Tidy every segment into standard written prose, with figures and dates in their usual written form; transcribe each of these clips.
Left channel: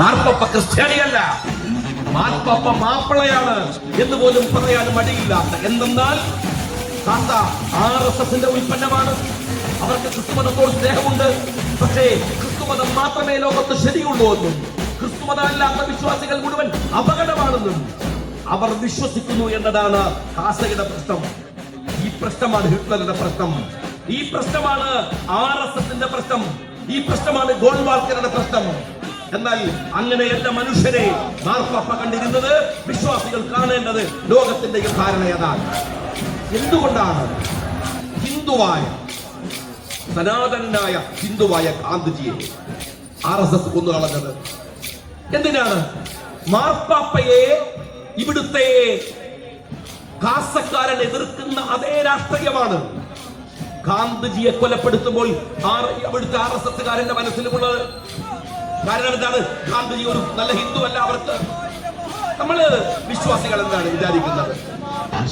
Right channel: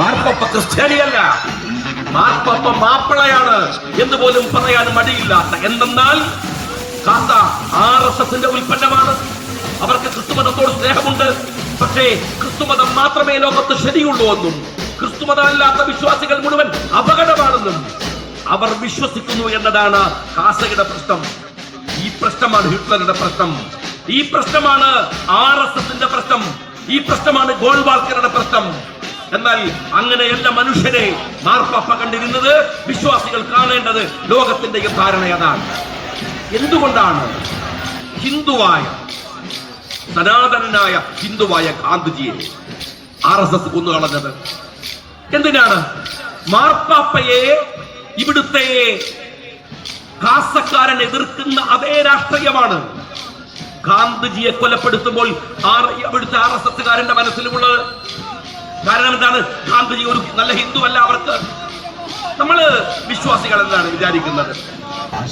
മാർപ്പാപ്പ ക്രിസ്ത്യാനിയല്ല, മാർപ്പാപ്പ മാപ്പിളയാണ് എന്ന് പോലും പറയാൻ മടിയില്ലാത്ത. എന്തെന്നാൽ കാസ RSSന്റെ ഉൽപ്പന്നമാണ്. അവർക്ക് ക്രിസ്തുമതത്തോട് സ്നേഹമുണ്ട്. പക്ഷേ ക്രിസ്തുമതം മാത്രമേ ലോകത്ത് ശരിയുള്ളൂ എന്നും ക്രിസ്തുമതമല്ലാത്ത വിശ്വാസികൾ മുഴുവൻ അപകടമാണെന്നും അവർ വിശ്വസിക്കുന്നു എന്നതാണ് കാസയുടെ പ്രശ്നം. ഈ പ്രശ്നമാണ് ഹിറ്റ്ലറുടെ പ്രശ്നം. ഈ പ്രശ്നമാണ് RSSന്റെ പ്രശ്നം. ഈ പ്രശ്നമാണ് ഗോൾവാൾക്കറുടെ പ്രശ്നം. എന്നാൽ അങ്ങനെയല്ല മനുഷ്യരെ മാർപ്പാപ്പ കണ്ടിരുന്നത്. വിശ്വാസികൾ കാണേണ്ടത് ലോകത്തിന്റെ ധാരണ അതാണ്. എന്തുകൊണ്ടാണ് ഹിന്ദുവായ സനാതനായ ഹിന്ദുവായ ഗാന്ധിജിയെ RSS കൊന്നുകളഞ്ഞത്? എന്തിനാണ്? മാർപ്പാപ്പയെ ഇവിടുത്തെ കാസക്കാരൻ എതിർക്കുന്ന അതേ രാഷ്ട്രീയമാണ് ഗാന്ധിജിയെ കൊലപ്പെടുത്തുമ്പോൾ ഇവിടുത്തെ RSSകാരന്റെ മനസ്സിലുള്ളത്. കാരണം എന്താണ്? ഗാന്ധിജി ഒരു നല്ല ഹിന്ദു അല്ല. അവർക്ക് നമ്മള് വിശ്വാസികൾ എന്താണ് വിചാരിക്കുന്നത്?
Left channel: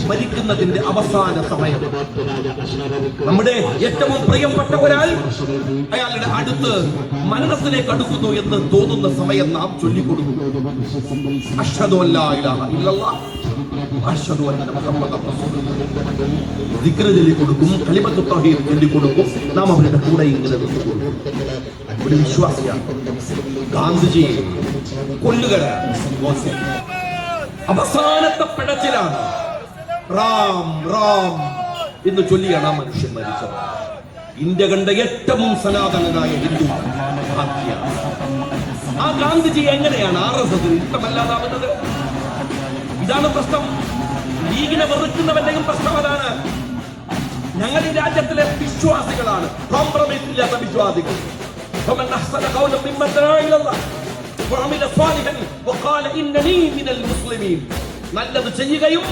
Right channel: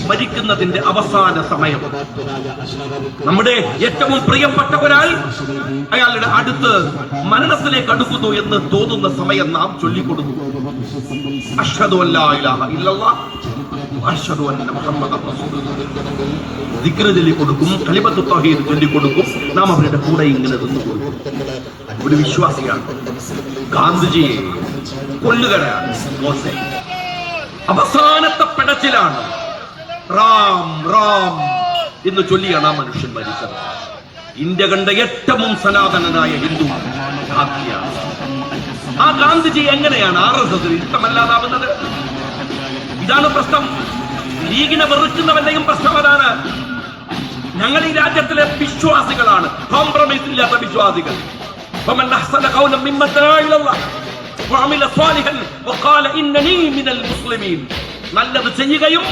മരിക്കുന്നതിന്റെ അവസാന സമയം നമ്മുടെ ഏറ്റവും പ്രിയപ്പെട്ട ഒരാൾ അയാളുടെ അടുത്ത് മരണത്തിലേക്ക് അടുക്കുന്നു എന്ന് തോന്നുന്ന സമയം നാം ചൊല്ലിക്കൊടുക്കും, അഷ്ഹദു അല്ലാ ഇലാഹ ഇല്ലല്ലാഹ് അഷ്ഹദു അന്ന മുഹമ്മദൻ റസൂലുള്ളാഹ്. ദിക്ർ ചൊല്ലിക്കൊടുക്കും, കലിമത്തു തൗഹീദ് ചൊല്ലിക്കൊടുക്കും. നാം അവരുടെ കൂടെ ഇങ്ങനെ നിന്നുകൊടുക്കും. ഒരു വിശ്വാസിയാണ്. ഗാന്ധിജിയെ കൊല്ലുകയാണ് മോശം. അവസാനത്തെ പെടച്ചിലാണ്. റാം റാം എന്ന് ചൊല്ലിയാണ് ആ മനുഷ്യൻ മരിച്ചത്. ഇന്ത്യ കണ്ട ഏറ്റവും സനാതനനായ ഹിന്ദു ഗാന്ധിജിയാണ്. ആ ഗാന്ധിജി എങ്ങനെയാണ് RSS ഇഷ്ടമല്ലാതാവുന്നത്? ഇതാണ് പ്രശ്നം. ലീഗിനെ വെറുക്കുന്നവന്റെയും പ്രശ്നം അതാണ്. ഞങ്ങൾ ഈ രാജ്യത്തിലെ വിശ്വാസികളാണ്, കോംപ്രമൈസ് ഇല്ലാത്ത വിശ്വാസികൾ. നല്ലത് ചെയ്യുകയും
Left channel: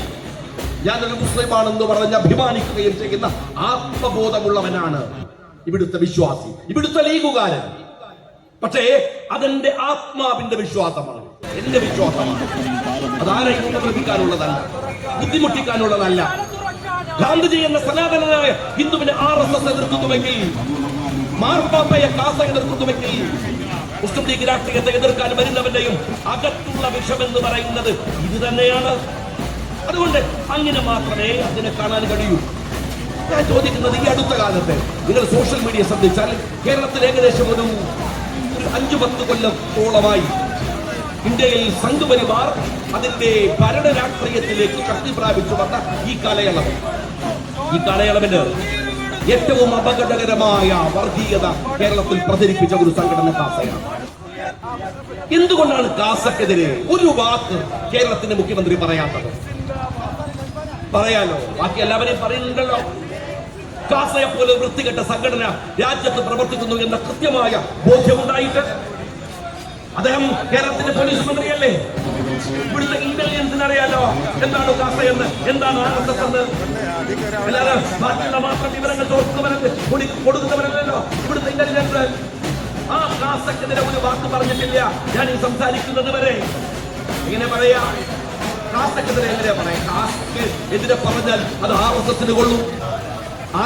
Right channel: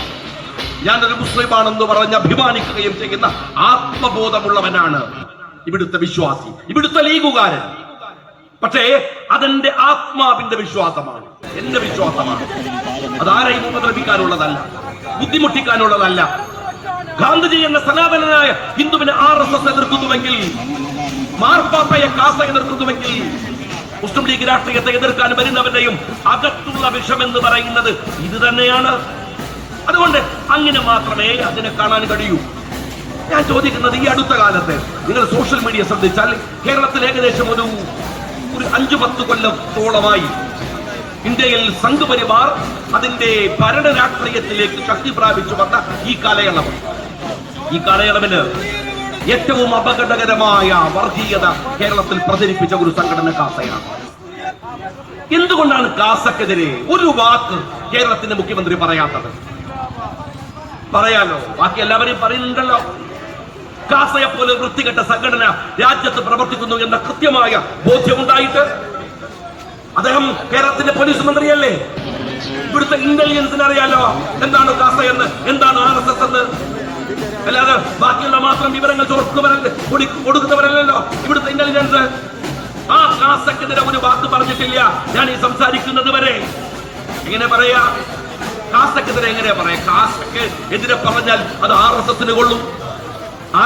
ഞാനൊരു മുസ്ലിമാണെന്ന് പറഞ്ഞ് അഭിമാനിക്കുകയും ചെയ്യുന്ന ആത്മബോധമുള്ളവനാണ് ഇവിടുത്തെ വിശ്വാസി, ഇവിടുത്തെ ലീഗുകാരൻ. പക്ഷേ അതെന്റെ ആത്മാവിന്റെ വിശ്വാസമാണ്, എന്റെ വിശ്വാസമാണ്. അതാരെയും ഉപദ്രവിക്കാനുള്ളതല്ല, ബുദ്ധിമുട്ടിക്കാനുള്ളതല്ല. ഗാന്ധിജി എന്ന സനാതനനായ ഹിന്ദുവിനെ RSS എതിർക്കുന്നുവെങ്കിൽ, മാർപ്പാപ്പയെ കാസ എതിർക്കുന്നുവെങ്കിൽ, മുസ്ലിം ലീഗ് രാഷ്ട്രീയത്തെ എതിർക്കാൻ വരുന്നവന്റെയും അകത്തുള്ള വിഷം എന്ന് പറയുന്നത് ഇത് തന്നെയാണ്. അതുകൊണ്ട് അങ്ങനെ മാത്രമേ അതിനെ കാണാൻ കഴിയൂ. ഞാൻ ചോദിക്കുന്നത്, ഈ അടുത്ത കാലത്ത് നിങ്ങൾ സോഷ്യൽ മീഡിയ ശ്രദ്ധിച്ചാൽ കേരളത്തിൽ ഏകദേശം ഒരു 5-10 കൊല്ലത്തോളമായി ഇന്ത്യയിൽ സംഘപരിവാർ അതിന്റെ ഭരണ രാഷ്ട്രീയത്തിലേക്ക് ശക്തി പ്രാപിച്ചു വന്ന ഈ കാലയളവിന് ഏറ്റവും അപകടകരമായ വർഗീയത കേരളത്തിൽ പ്രചരിപ്പിച്ച ഒരു സംഘടന കാസയാണ്. എന്തുകൊണ്ടാണ് കാസക്കെതിരെ ഒരു വാക്ക് കേരളത്തിന്റെ മുഖ്യമന്ത്രി പറയാത്തത്? പറയാലോ, ബാക്കി എല്ലാവരെയും പറയുന്നുണ്ടല്ലോ. കാസയെ പോലെ വൃത്തികെട്ട സംഘടന രാജ്യത്ത് പ്രവർത്തിക്കുന്നു എന്ന കൃത്യമായ ബോധ്യമുണ്ടായിട്ട് അദ്ദേഹം കേരളത്തിന്റെ പോലീസ് മന്ത്രിയല്ലേ? ഇവിടുത്തെ ഇന്റലിജൻസിന് അറിയാലോ എന്താണ് കാസ എന്ന്, എന്താണ് RSS എന്ന്. അല്ലാതെ ബാക്കിയുള്ള മാത്രം വിവരങ്ങൾ കൊടുക്കുന്നവരല്ലോ ഇവിടുത്തെ ഇന്റലിജൻസ്. ആ കാസക്കെതിരെ ഒരു വാക്ക് പറഞ്ഞിട്ടില്ല ഞാൻ ഈ സംസാരിക്കുന്നത് വരെ. എങ്ങനെ പറയാ? കാസക്കെതിരെ എങ്ങനെയാ പറയാ? കാസക്ക് എതിരെ പറഞ്ഞാൽ അത് RSSന് കൊള്ളും.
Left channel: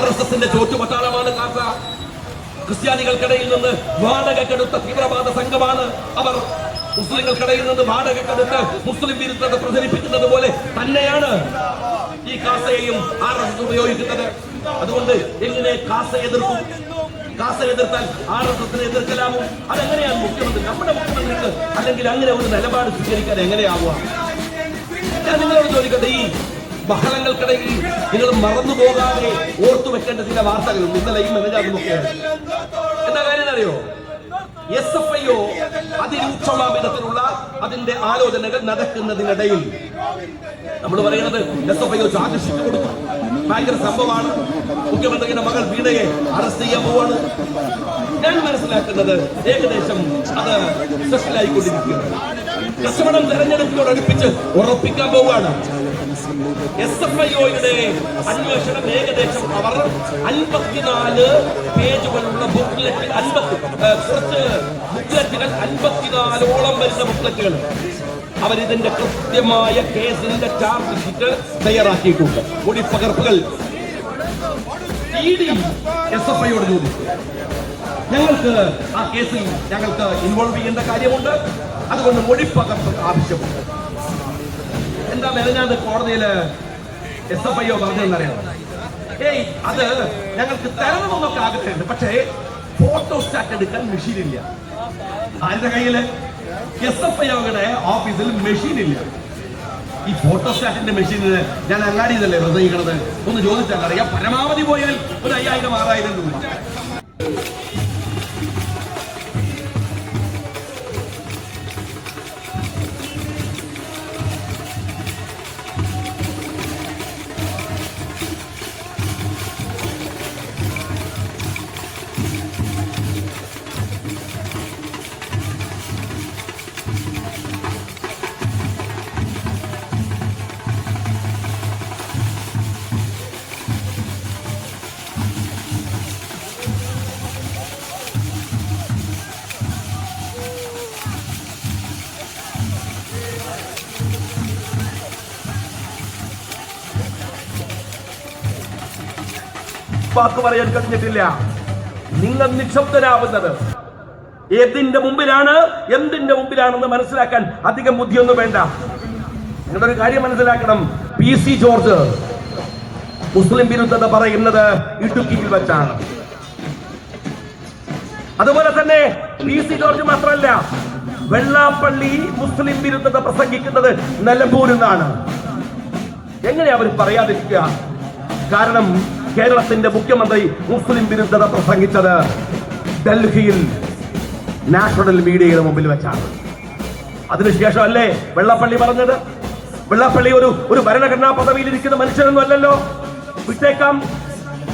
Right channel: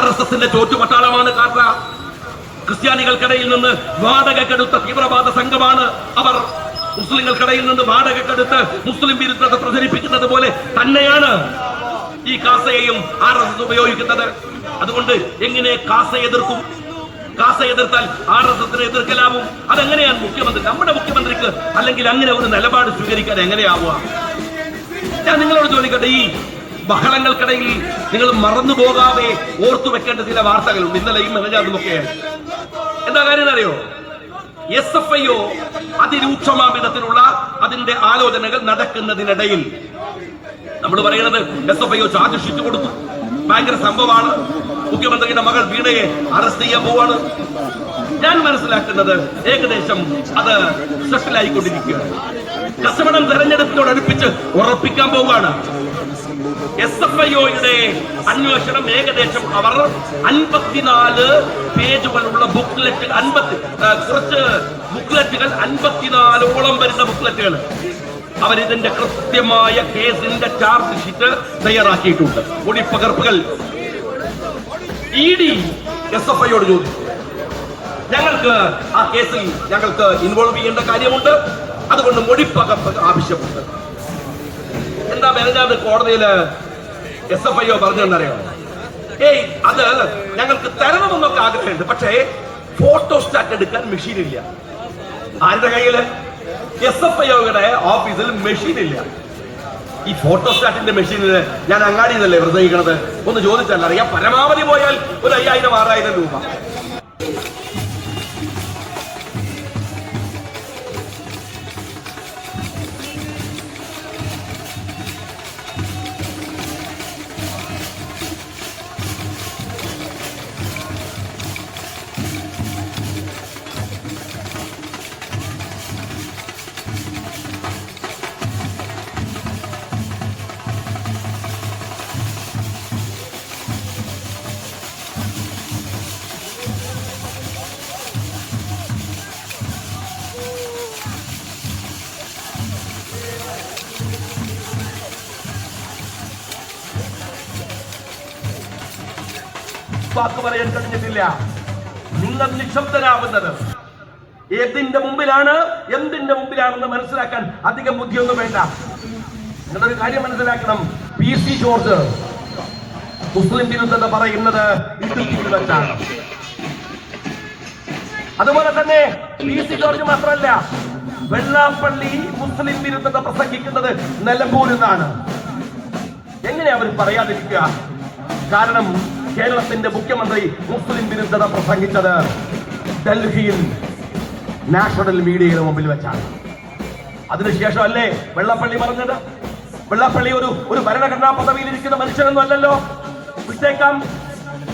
RSSന്റെ ചോറ്റുപട്ടാളമാണ് കാസ. ക്രിസ്ത്യാനികൾക്കിടയിൽ നിന്ന് വാടകക്കെടുത്ത തീവ്രവാദ സംഘമാണ് അവർ. മുസ്ലിങ്ങൾക്കിടയിൽ നിന്ന് വാടകക്കെടുത്ത് മുസ്ലിം വിരുദ്ധത പ്രചരിപ്പിക്കുന്നത് പോലെ തന്നെയാണ് ഈ കാസയെയും RSS ഉപയോഗിക്കുന്നത്. അതുകൊണ്ട് എങ്ങനെ കാസ എതിർക്കും? കാസ എതിർത്താൽ RSSനെ എതിർക്കലാവും. അതെങ്ങനെയാണ് മുഖ്യമന്ത്രി, നമ്മുടെ മുഖ്യമന്ത്രിക്ക് അല്ലെങ്കിൽ അങ്ങനെ ഒരു നിലപാട് സ്വീകരിക്കാൻ എങ്ങനെയാവുക? ഞാൻ നിങ്ങളോട് ചോദിക്കട്ടെ, ഈ ബഹളങ്ങൾക്കിടയിൽ നിങ്ങൾ മറന്നു പോകാതെ ഓർത്തു വെക്കേണ്ട ചില വാർത്തകളുണ്ട്. ഇന്നലെയും മെനഞ്ഞാന്നുമൊക്കെ എന്താ കാര്യം അറിയോ? SFIO അതിരൂക്ഷമായ വിധത്തിലുള്ള അതിന്റെ ആലോചനകൾ നടക്കുന്നതിനിടയിൽ നമ്മൾ പറയുന്നത് SFIO ചാർജ് ഷീറ്റ് കൊടുത്തു, ഭയങ്കര സംഭവമാണ്. മുഖ്യമന്ത്രിയുടെ മകൾ വീണയെ അറസ്റ്റ് ചെയ്യാൻ പോവാണ്. ഞാൻ മനസ്സിലാക്കുന്നത് ഏകദേശം അത് സെറ്റിലായിക്കൊണ്ടിരിക്കുകയാണ്. കസ്റ്റമർ തെരഞ്ഞെടുപ്പിനോടടുപ്പിച്ച് ഉറപ്പിക്കാൻ പോവുകയാണ്. SFIOയുടെ അന്വേഷണം ഏകദേശം അവർ 54 പേജുകളുള്ള ബുക്ക്ലെറ്റ്, കുറച്ച് ബുക്ക്ലെറ്റുകൾ, 54ഓളം വരുന്ന ബുക്ക്ലെറ്റുകൾ അവരിതിന്റെ കൃത്യമായ കേസിന്റെ ചാർജ് ഷീറ്റ് തയ്യാറാക്കിയിട്ടുണ്ട്. മൊഴിപ്പകർപ്പുകൾ ED SFIയോട് ചോദിച്ചു. ഞങ്ങൾക്ക് ആ കേസിൽ ഞങ്ങൾക്ക് ഇൻവോൾവ് ചെയ്യേണ്ട കാര്യമുണ്ട്. അതുകൊണ്ട് മൊഴിപ്പകർപ്പ് ആവശ്യമുണ്ട്. എന്താ മെനഞ്ഞാന്ന് കോടതിയില് SFIO പറഞ്ഞെന്നറിയോ? അത് ഞങ്ങൾക്ക് തരണമെന്നൊക്കെ ആഗ്രഹമുണ്ട്, പക്ഷേ ഫോട്ടോസ്റ്റാറ്റ് എടുക്കാൻ മെഷീൻ ഇല്ല. ആരുടെ കയ്യില്? SFIOയുടെ ഓഫീസിൽ മെഷീൻ ഇല്ല. ഈ ഫോട്ടോസ്റ്റാറ്റിന്റെ മെഷീനില് ഞാൻ അങ്ങാടിയതല്ലേ ഹൃദയിക്കണത് ഒന്ന് ചോദിച്ചാൽ അറിയാം. പരമാവധി പോയാൽ ഒരു 5000-6000 രൂപ. വാക്ക് പറയാൻ കഴിഞ്ഞിട്ടില്ല. നിങ്ങൾ നിശബ്ദനാവുന്നത് ഏതിന്റെ മുമ്പിലാണ്, എന്തിന്റെ മുമ്പിലാണെന്ന് മനസ്സിലാക്കാൻ അധികം ബുദ്ധിയൊന്നും വേണ്ട. നിങ്ങളൊരു കാര്യം മനസ്സിലാക്കണം. PC ജോർജ് മുസ്ലിം വിരുദ്ധത പറയുന്നത് ഇടുക്കിയിൽ വെച്ചാണ്. അതുപോലെ തന്നെ PC ജോർജ് മാത്രമല്ല, വെള്ളാപ്പള്ളി മുസ്ലിം വിരുദ്ധത പ്രസംഗിക്കുന്നത് നിലമ്പൂരിൽ നിന്നാണ്. എങ്ങനെ അവർ പറയാതിരിക്കുക? കാരണം കേരളത്തിന്റെ മുഖ്യമന്ത്രി മുസ്ലിം വിരുദ്ധത പ്രസംഗിച്ചത് ഡൽഹിയിൽ നാഷണൽ മീഡിയയുടെ മുമ്പിൽ വെച്ചാണ്. അതിനുശേഷം അല്ലേ വെള്ളാപ്പള്ളി പറഞ്ഞത്? വെള്ളാപ്പള്ളി ഒരു ഭരണഘടനാ പദവിയിൽ ഇരിക്കുന്ന മനുഷ്യനൊന്നും അല്ലല്ലോ, വിട്ടേക്കാം.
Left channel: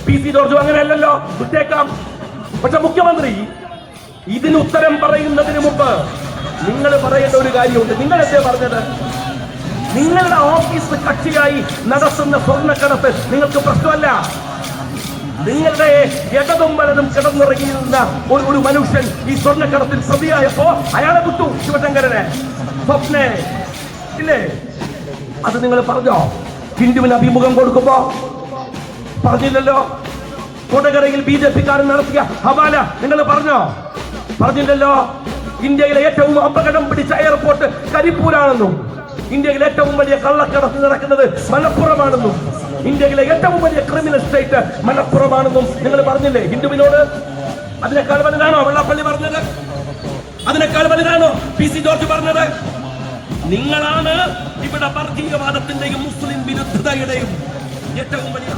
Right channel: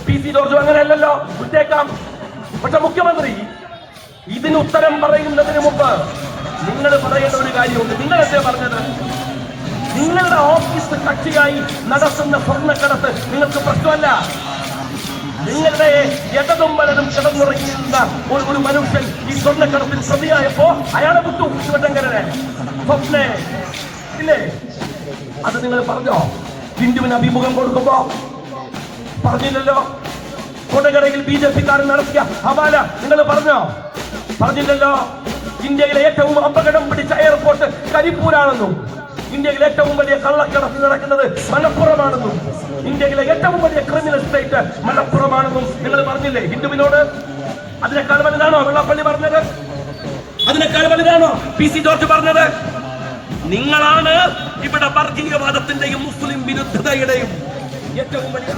PC ജോർജും അങ്ങനെ അല്ലല്ലോ, വിട്ടേക്കാം. പക്ഷെ മുഖ്യമന്ത്രി ഇതിന് ഉത്തരം പറയുന്നതിന് മുമ്പ് നിങ്ങൾ പറയേണ്ട ഒരു കാര്യമുണ്ട്. നിങ്ങൾ എന്തേ പറഞ്ഞത്? നിങ്ങളുടെ ഓഫീസ് കക്ഷിയായി നടത്തുന്ന സ്വർണ്ണക്കടത്ത് നിങ്ങൾക്ക് പ്രശ്നമല്ല. നിങ്ങളുടെ ഇടതും വലതും കിടന്നുറങ്ങുന്ന ഒരു മനുഷ്യൻ ഈ സ്വർണ്ണക്കടത്തിൽ പ്രതിയായപ്പോ അയാളെ വിട്ടു, ശിവശങ്കരനെ, സ്വപ്നെ, ഇല്ലേ? അത് നിങ്ങൾ പറഞ്ഞോ? ഹിന്ദുവിന് അഭിമുഖം കൊടുക്കുമ്പോ പറഞ്ഞില്ലല്ലോ. കൊടകരയിൽ BJP-ക്കാരൻ നടത്തിയ ഹവാല നിങ്ങൾ പറഞ്ഞോ? പറഞ്ഞില്ലല്ലോ. ഇന്ത്യയിലെ ഏറ്റവും അപകടം പിടിച്ച എയർപോർട്ട് കരിപ്പൂരാണെന്നും, ഇന്ത്യയിലെ ഏറ്റവും വലിയ കള്ളക്കടത്ത് നടക്കുന്നത് മലപ്പുറമാണെന്നും, ഇന്ത്യയിലെ ഏറ്റവും വലിയ ക്രിമിനൽ സ്റ്റേറ്റ് മലപ്പുറമാണെന്നും നിങ്ങൾ പറഞ്ഞില്ലേ ഹിന്ദുവിനോട്? അതിനേക്കാൾ വലുതാണോ വെള്ളാപ്പള്ളി പറഞ്ഞത്? അതിനേക്കാൾ വലുതാണോ PC ജോർജ് പറഞ്ഞത്? നിങ്ങളാണ് ഇവിടെ വർഗീയവാദത്തിന്റെയും മുസ്ലിം വിരുദ്ധതയുടെയും ഏറ്റവും വലിയ